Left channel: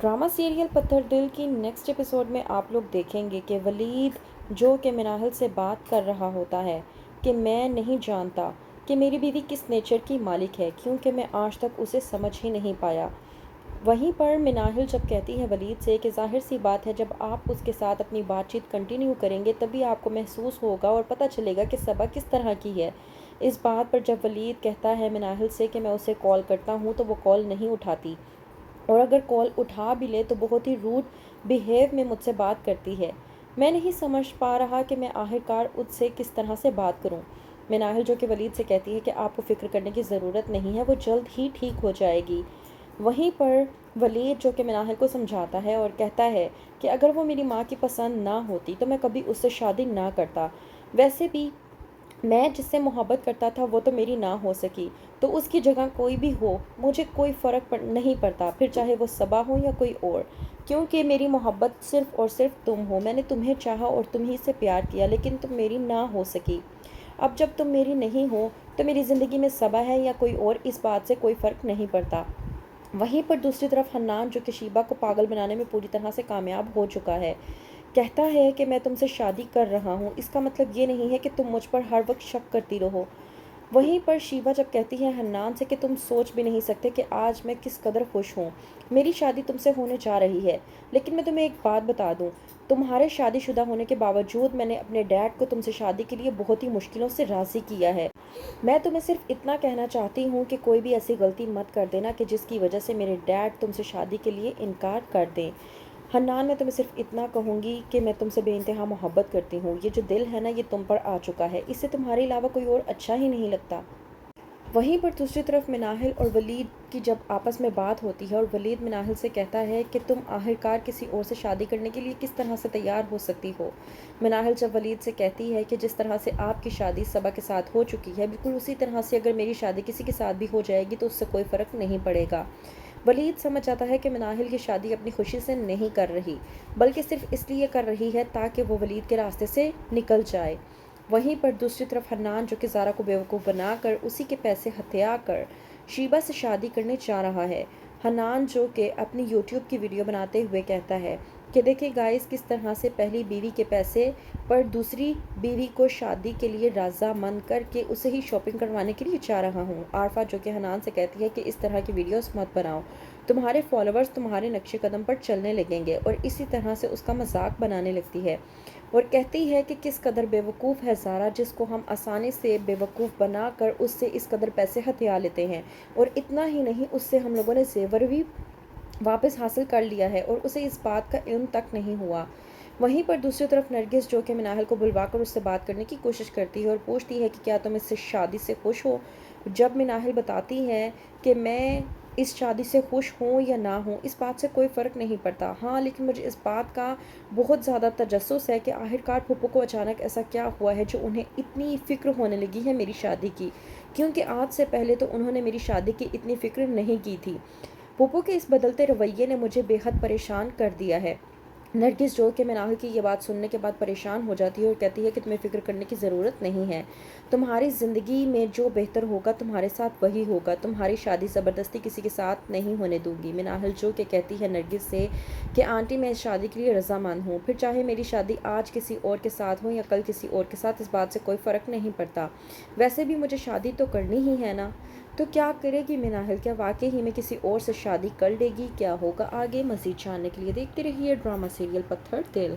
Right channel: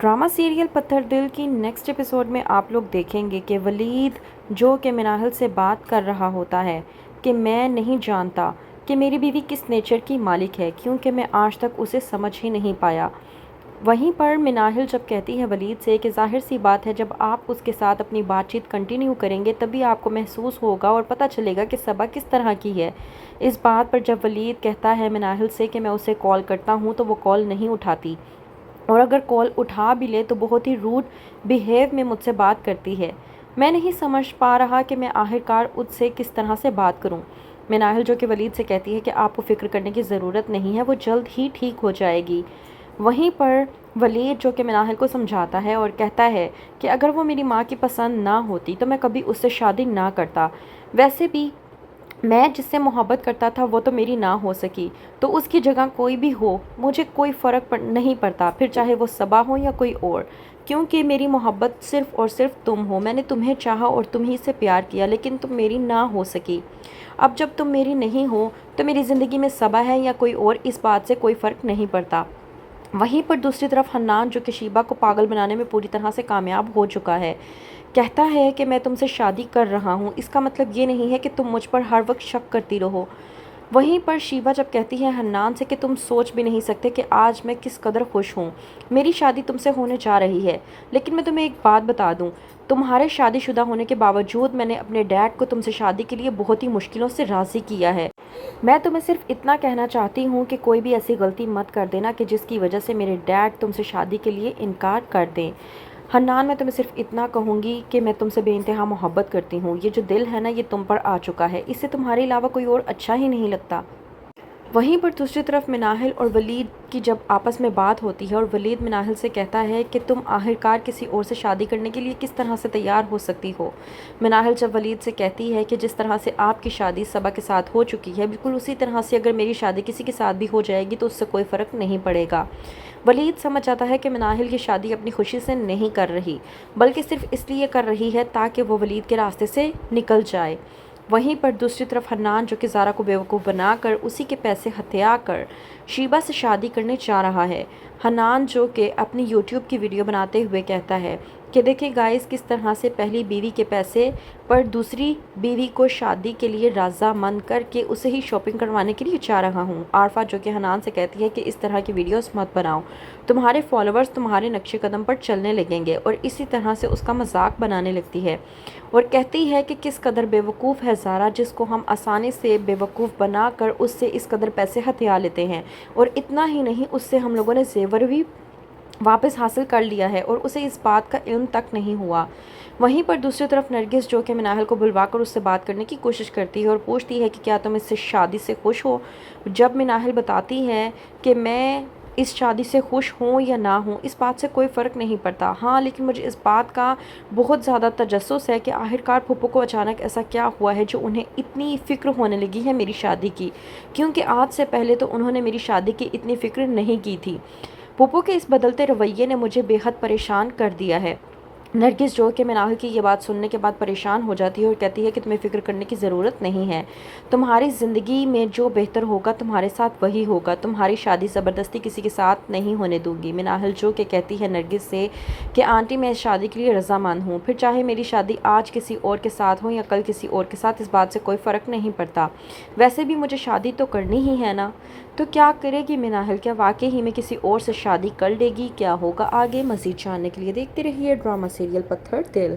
Drama serial पत्थर दिल की नेक्स्ट एपिसोड में आप लोग देखेंगे कि वलीद जो कि मिनाहिल से बात कर रहा होता है कि मैं नहीं जानता कि मेरी बीवी किस नेचर की मालिक है, क्योंकि मैं आज तक उसे समझ ही नहीं पाया। वहीं पर मिनाहिल जब कहती है वलीद से कि ज़ाहिर सी बात है, जब आप उसके साथ अपनी बातचीत कंटिन्यू करेंगे तभी आपको महसूस होगा और पता चलेगा कि सबा किस तरह की है। इस बात पर जब वलीद कहता है मिनाहिल से कि मैं उसे कॉल करता हूँ तो वो कॉल नहीं उठाती, और अगर कॉल उठा भी ले तो बहुत ही रूड बिहेव में मुझसे बात करती है। मैं नहीं समझ पा रहा कि मैं आखिरकार उससे किस तरह से बात करूं। मिनाहिल जो कि वलीद से कहती है कि आपको फ़िक्र करने की ज़रूरत नहीं है, वो जल्द ही ठीक हो जाएगी। वहीं पर वलीद जो कि मिनाहिल को समझाता है और कहता है कि अगर वो मेरी माँ की पसंद ना होती तो मैं कभी उससे शादी ना करता। वैसे भी मैं जिससे मोहब्बत करता था वो तो मेरी ना हो सकी, तो उसकी जगह कोई भी हो मुझे कोई फ़र्क नहीं पड़ता, फिर चाहे वो सबा हो या कोई और, क्योंकि मेरी मोहब्बत सिर्फ़ और सिर्फ तुम हो। मैंने तुम्हें चाहा और तुम ही से प्यार किया, लेकिन तुम मेरी ना हो सकी। अब जब तुम मेरी नहीं हो तो मेरी ज़िंदगी में सबा है या कोई और, इस बात से कोई फ़र्क नहीं पड़ता। वहीं पर दूसरी तरफ हन्नान जो कि शीबा को पागल बनाने में पूरी तरह से कामयाब हो चुका है, कहता है कि मैं तुमसे शादी कर रहा हूँ, इसका मतलब ये नहीं है कि तुम मुझ पर हर वक्त शक करती रहो। वहीं पर शीबा जब कहती है हन्नान से कि तुम सोच भी नहीं सकते कि आज मैं किस कदर खुश हूँ, मेरी शादी तुमसे होने जा रही है। लेकिन मैं तुम्हें एक बात बता दूँ, तुम्हारे शादीशुदा होने के बावजूद मैंने अपने डैड को तुमसे शादी के लिए बहुत ही मुश्किलों से राज़ी किया है। मैं तुम्हें सिर्फ इतना कहना चाहती हूँ कि कोई भी ऐसी गलती मत कर देना कि जिसकी वजह से मेरे डैड तुमसे शादी के लिए इनकार कर दें। हन्नान, मैं तुम्हें सिर्फ इतना कहूँगी कि मैं तुमसे बेइंतहा मोहब्बत करती हूँ। ये जो दिल है ना, ये तुम पर आ चुका है, इससे तुम्हारे अलावा कोई और अच्छा ही नहीं लगता। वहीं पर दूसरी तरफ मिनाहिल और वलीद की जब आपस में बात होती है और वलीद मिनाहिल से कहता है कि तुम आखिरकार किसी और से शादी करने के लिए किस तरह से तैयार हो सकती हो। मिनाहिल जब वलीद से कहती है कि जिस तरह से आपकी शादी सबा के साथ हो चुकी है, बिल्कुल उसी तरह से अगर मेरी शादी किसी के साथ भी हो जाएगी तो उससे कोई फ़र्क नहीं पड़ेगा। वलीद समझ आता है कि मिनाहिल की शादी अपनी खुशी से नहीं कर रही, बल्कि सिर्फ इसलिए कर रही है ताकि वो वलीद के रास्ते से निकल जाए। वहीं पर दूसरी तरफ हन्नान जो कि ज़ारा को बेवकूफ़ बनाकर उसी के पैसे हथिया कर शीबा से शादी करने जा रहा है। हन्नान जो कि अपनी यूट्यूब की वीडियो बनाते हुए कहता है कि देखिए गाइस, किस तरह से पहली बीवी के पैसे पर दूसरी बीवी को शादी के लिए रज़ामंद करके उसे ही शॉपिंग करवाने के लिए जा रहा हूँ। आरफा जो कि हन्नान से कहती है कि इस तरह की वीडियोस मत बनाओ, तुम्हारे फॉलोअर्स तुम्हारे नक्शे कदम पर चलने लगेंगे, और इसी तरह से उसका मजाक बनाने लगती है और कहती है कि किस कदर बेवकूफ़ है ज़ारा, जिसको हम आसानी से बेवकूफ़ बनाकर उससे इस कदर पैसे हथिया लेते हैं। और इतना ही नहीं, उससे हम लोगों ने जेवर भी वापस हासिल कर लिया है और उसे इस बात का इल्म तक नहीं हुआ। वहीं पर दूसरी तरफ नरगिस जो कि मिनाहिल को बुलवाकर उससे बात करने की कोशिश करती है और पूछती है कि क्या तुम इससे शादी से खुश हो। जब मिनाहिल बताती है कि मैं इस शादी से खुश हूँ या ना हूँ, इस बात से कोई फ़र्क नहीं पड़ता, हाँ लेकिन मुझे इस बात का बहुत ज़्यादा तजस्सुस है कि आखिरकार फूफो को अचानक ऐसा क्या हुआ है जो उन्हें इतनी फ़िक्र होने लगी है मेरी शादी की, क्योंकि आज से पहले तो उन्होंने मेरी शादी की इतनी फ़िक्र नहीं की थी। फूफो के इस बदलते रवैये ने मुझे बेहद परेशान कर दिया है। नरगिस जो कि मिनाहिल की ये बात सुनने के बाद परेशान हो जाती है और कहती है कि तुम्हें फ़िक्र करने की ज़रूरत नहीं है, तुम्हारी ज़िंदगी में जो बेहतर होगा तुम्हारे साथ वही होगा, तुम्हारी शादी ज़बरदस्ती किसी के साथ नहीं होने दूंगी। मिनाहिल जो कि कहती है नरगिस से कि आंटी, मैं इस शादी के लिए रज़ामंद हूँ, फिर चाहे मेरी शादी आज किसी और के साथ हो या कल किसी और के साथ, इस बात से कोई फ़र्क नहीं पड़ता, वैसे भी मुझे शादी तो करनी ही है ना। तो क्या करेगी मिनाहिल, क्या वाकई ही में किसी और से शादी कर लेगी? क्या होगा आगे? मज़ीद जानने के लिए देखते रहिए ड्रामा सीरियल पत्थर दिल।